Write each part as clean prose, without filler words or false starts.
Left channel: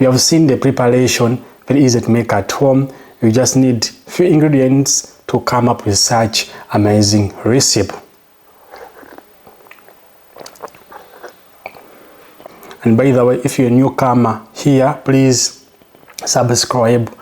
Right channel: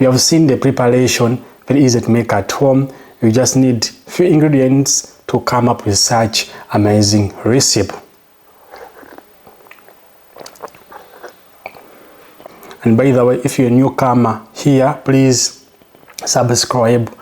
You have seen the preparation, very easy to make at home. You just need few ingredients to come up with such amazing recipe. And by the way, if you're a newcomer here, please subscribe,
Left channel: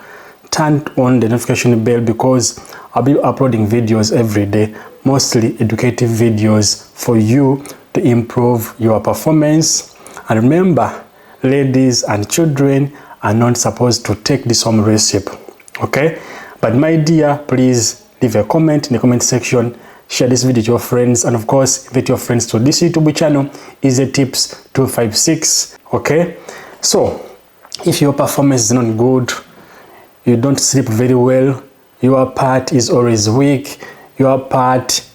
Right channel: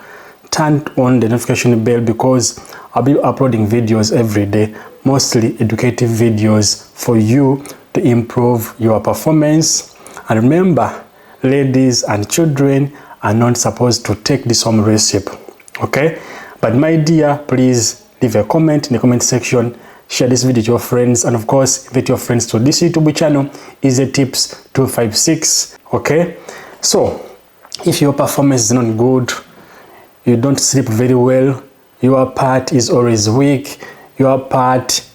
turn on the notification bell, because I'll be uploading videos every day, mostly educative videos for you to improve your performance. And remember, ladies and children are not supposed to take this home recipe, okay? But my dear, please leave a comment in the comment section, share this video to your friends, and of course invite your friends to this YouTube channel, Easy Tips 256. Okay, so if your performance is not good, you don't sleep very well, your part is always weak, your part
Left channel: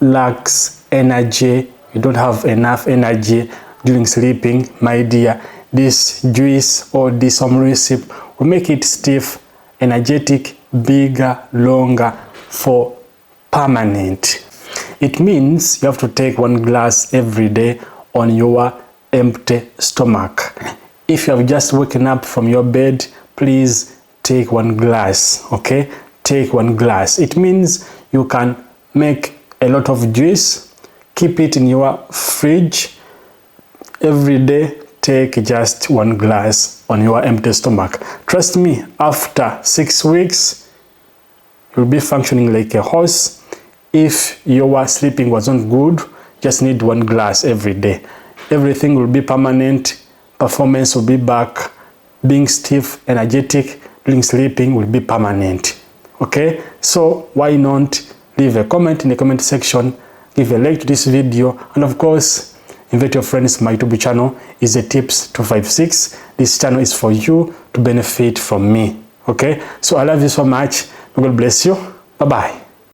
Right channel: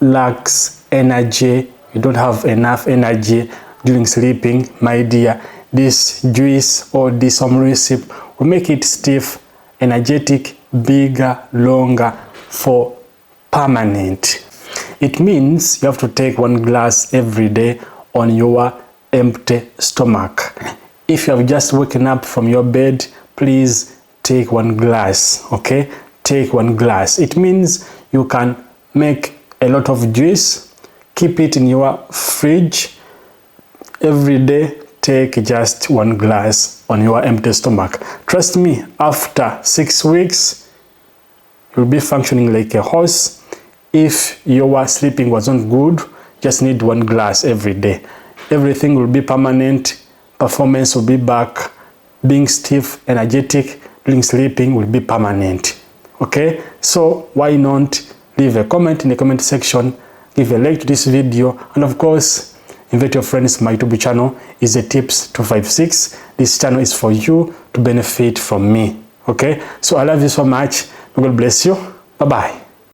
lacks energy, you don't have enough energy during sleeping, my dear, this juice or this home recipe will make it stiff, energetic, bigger, longer, for permanent. It means you have to take 1 glass every day on your empty stomach. If you have just woken up from your bed, please take 1 glass, okay? Take 1 glass. It means you can make a lot of juice, keep it in your fridge. Every day, take just 1 glass on your empty stomach. Trust me, after 6 weeks, you'll be functioning like a horse. If your sleeping wasn't good, just need 1 glass every day. Everything will be permanent, performance will be back, being stiff, energetic during sleeping will be permanent. Okay, so why not leave a comment in the comment section, give a like to this video, and of course invite your friends to my YouTube channel, Easy Tips 256. This channel is for you to benefit from me. Okay, so I love you so much. God bless you. Bye bye.